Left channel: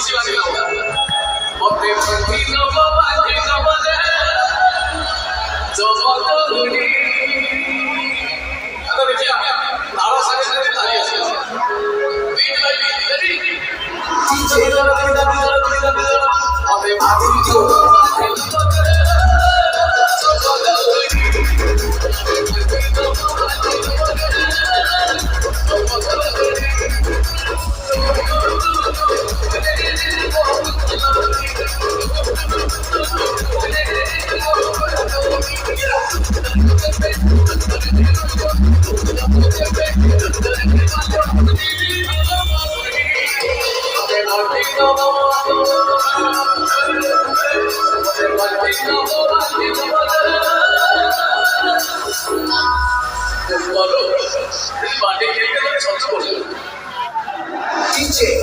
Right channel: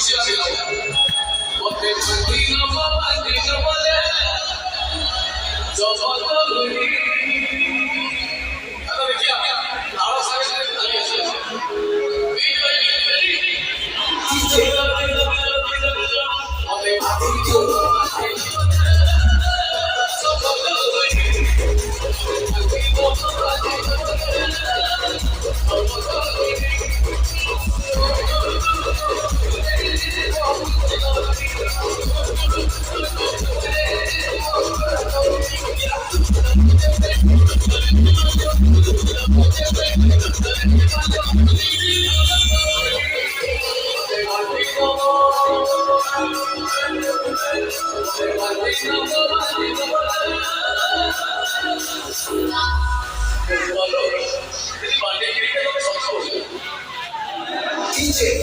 시간이 나오고 어때 버티는 것만 잊어버려 저 어떤 우리 하나 그냥 나와 사는 아니었어 Read my beat, ready? 어때 버티는 이제